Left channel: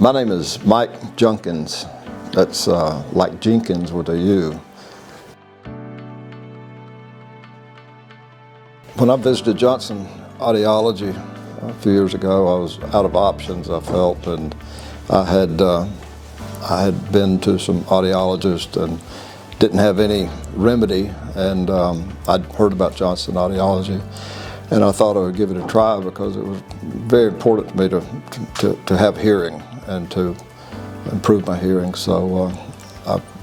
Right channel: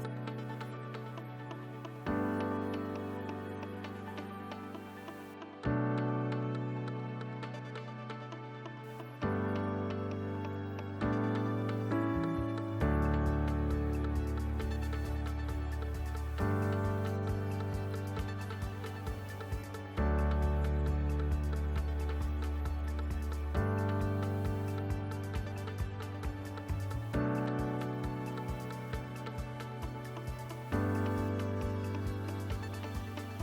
My name is Mike Junkins. That's like Jenkins with a U. When I visited Johnson Audiology a few years ago, I was out of options, I felt, and I had been to some audiologists and didn't have any remedy, and I'd heard about Johnson Audiology, and I thought I would give it a try because it was very important to me to have hearing and to improve my hearing. So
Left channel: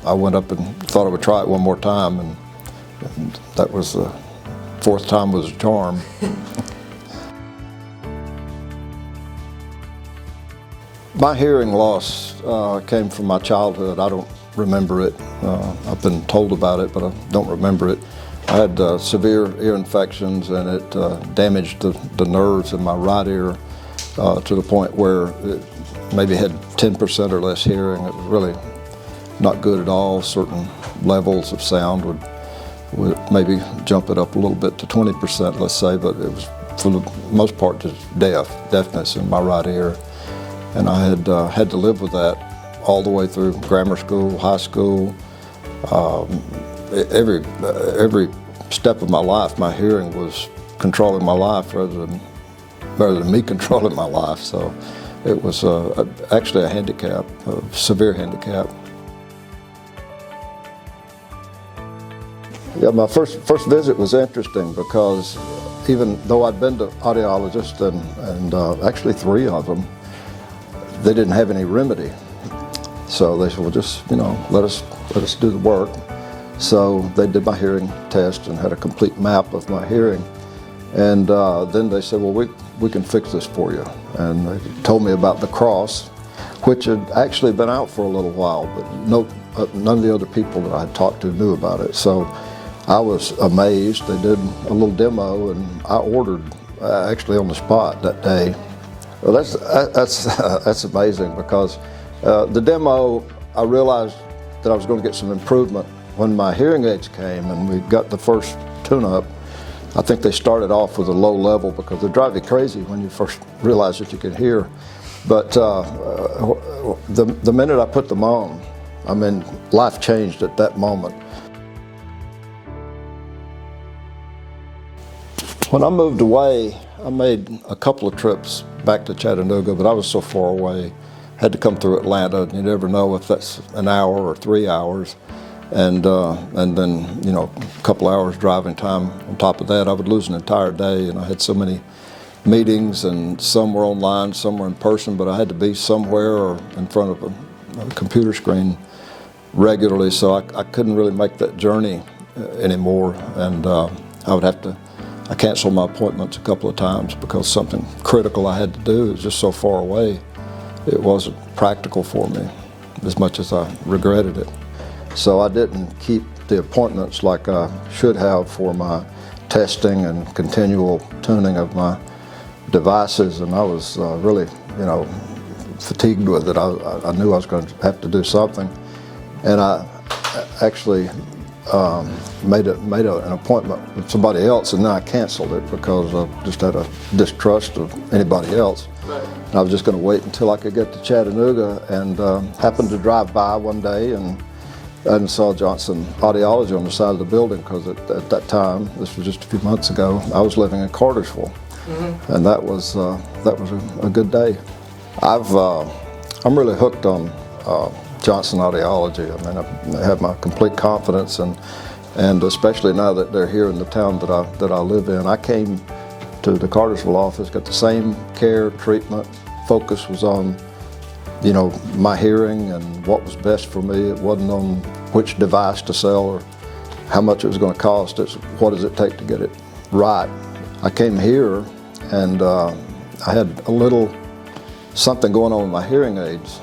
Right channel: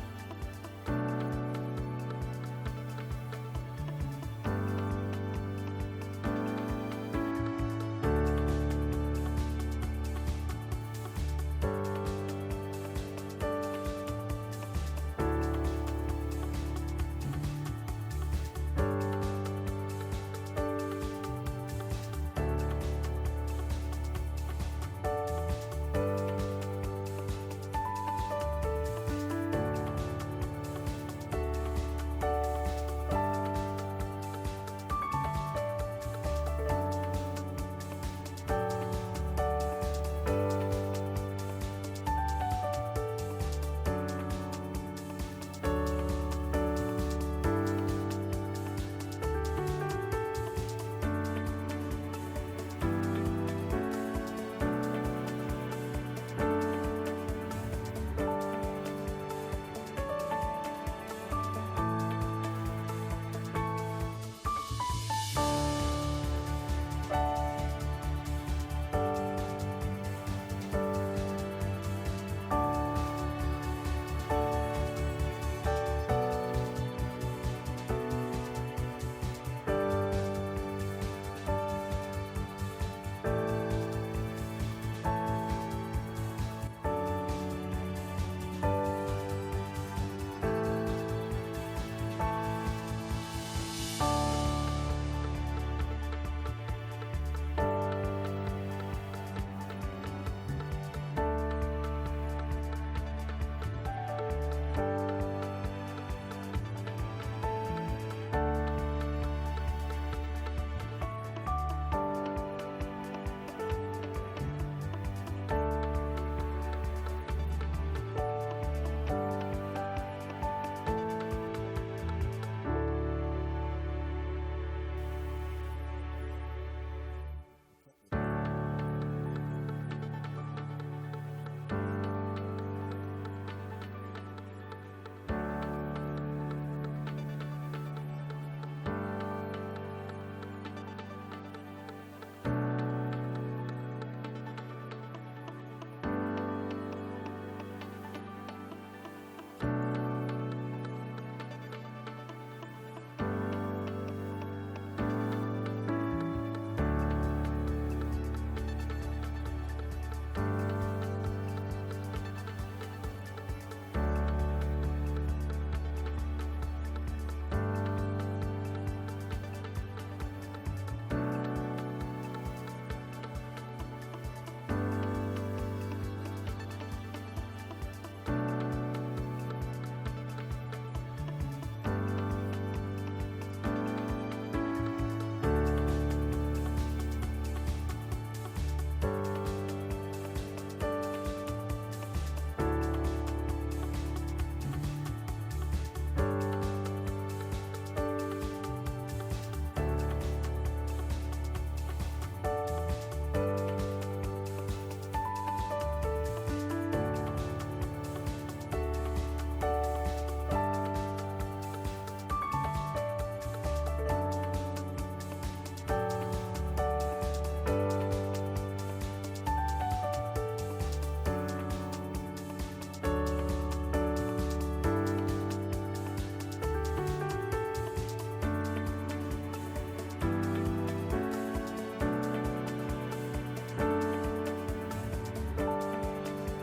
I went up and thought I would try it one more time, and that was the fourth time was a charm. My hearing loss came from my childhood. I don't remember it. I've been told about it, but I don't remember it. I had severe ear infections, and it damaged the nerves in my right ear to the point where it maybe had 10% or less hearing. It was really not good at all. Certain levels of sound would maybe jump it up a little bit to 20%, let's say, but it was for the most part just deafness in my right ear. And I had to live with that all the way through grammar school, high school. Every step of my life, my hearing was controlling my life rather than me controlling my life. So it was actually a handicap, a severe handicap. Yeah, my first visit was interesting because even though I'd been to audiologists and actually 3 of them, they didn't have any remedy. So they said, well, just, let us do the work. So they did my hearing test and had a complete map of my hearing. And then they said, well, we can fix this for you. And they told me about the cross, which had actually been out for a little while, but none of the other people that I had talked to knew about it. So I was amazed. They did a little demo, and I ordered actually on the spot that day. Well, that's amazing because the demo, I realized that I was going to get some improvement when my hearing aids came and we got the first tune-up. I think they started off with a low level because they drive you crazy when you first realize that you can hear. But the minute I put them on, I mean, life changed at that moment. When I moved away, I made a couple of trips back to Chattanooga, but I was so far away. Had to come through Atlanta, and you never know if that's an hour or 3 hours. And then, a couple hours driving time on top of that. I would lose an entire day, and I had so many meetings, and some were online, some were in person, but I had to be somewhere or in front of a computer screen regularly, so I couldn't really make that journey anymore, and I canceled my appointments a couple of times because something critical I had to do. It was just so far away. It wasn't practical for me as much as I regretted it. So I didn't keep the appointments like I should have for my testing and continual tuning of my devices, and I was really, fatigued with it. I knew I was going to have to do something, and I actually made an appointment with somebody else, and then I canceled it because I just had a distrust of anybody else. Right. And I was just going to wait until I could get to Chattanooga, and happened to drive by one day and saw Johnson Audiology on the side of the building because at that time, this was just a few months ago, I was living in Cartersville, and that was a good day. I'm really hooked on Johnson Audiology. I mean, I have my complete confidence, and especially now that they're here in the town that I live in. I came to the Cartersville office, got the same care, treatment. Focus was on, my hearing and what was best for me. It wasn't on which device to sell or how much it was going to cost. It's what does it take to get it right. I came here, and I had a little something going on with my hearing aids.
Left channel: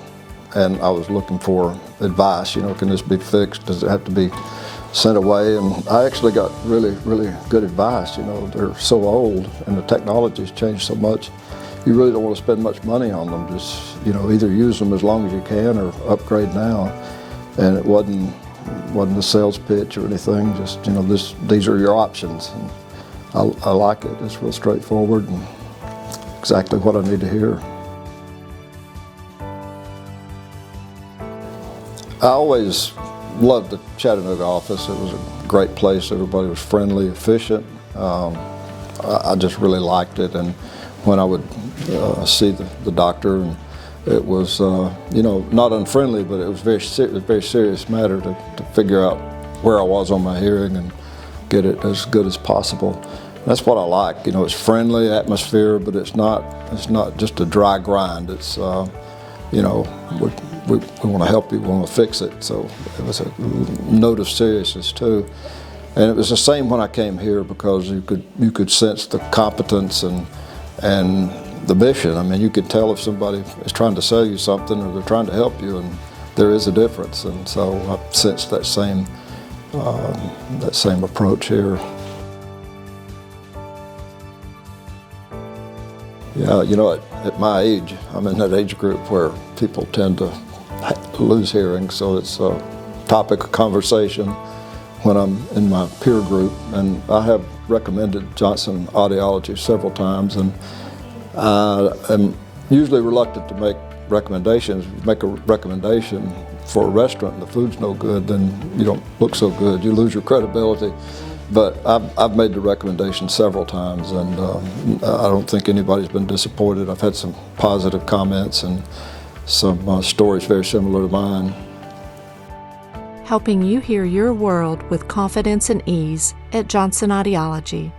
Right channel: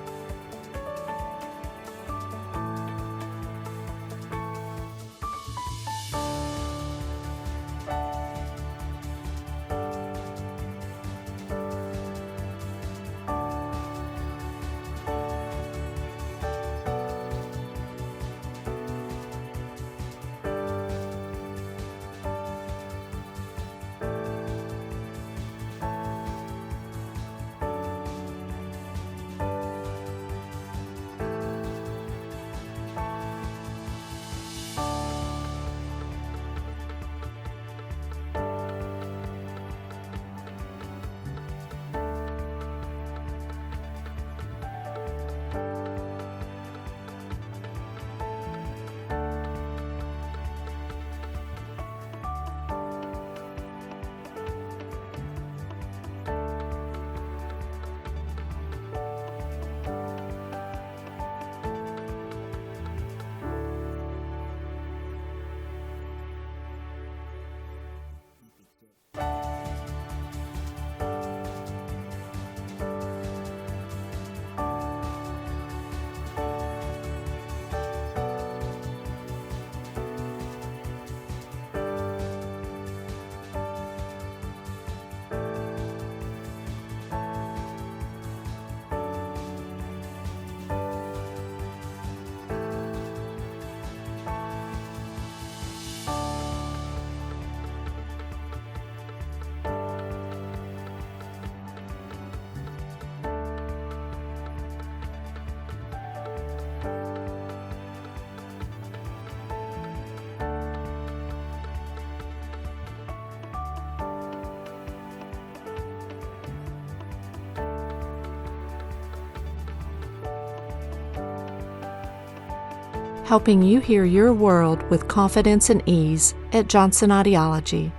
And I was looking for advice, can this be fixed? Does it have to be sent away? And I actually got really, really good advice. They're so old and the technology's changed so much. You really don't want to spend much money on them. Just, either use them as long as you can or upgrade now. And it wasn't a sales pitch or anything. Just, these are your options. And I like it. It's real straightforward and exactly what I need to hear. I always loved the Chattanooga office. It was a great place. Everybody was friendly, efficient. I just really liked it. And when I would see the doctor, and it was, not unfriendly, but it was a very serious matter to figure out where I was on my hearing and get it as good as possible. That's what I like. It's friendly atmosphere, but it's not just a dry grind. It's, we want to help you, we want to fix it. So it was a note of seriousness too. And it was the same when I came here, because you could sense the competence and the mission. I mean, you could tell if somebody is trying to sell you something or they're trying to help you, and there is a difference. And so I sensed that same approach here. Yeah, at my age, I'm in that age group where people tend to lose hearing, so it's a topic of conversation when I'm in my peer group. And I have recommended Johnson Audiology several times, and I'm usually reluctant to make recommendations. Make a recommendation for a restaurant and the food's no good, then you don't look so good. You lose your credibility. But I've made the recommendation several times, and I don't think anybody's been disappointed. I've had some positive comments and some stories very similar to mine. Helping you hear your world with confidence and ease at Johnson Audiology.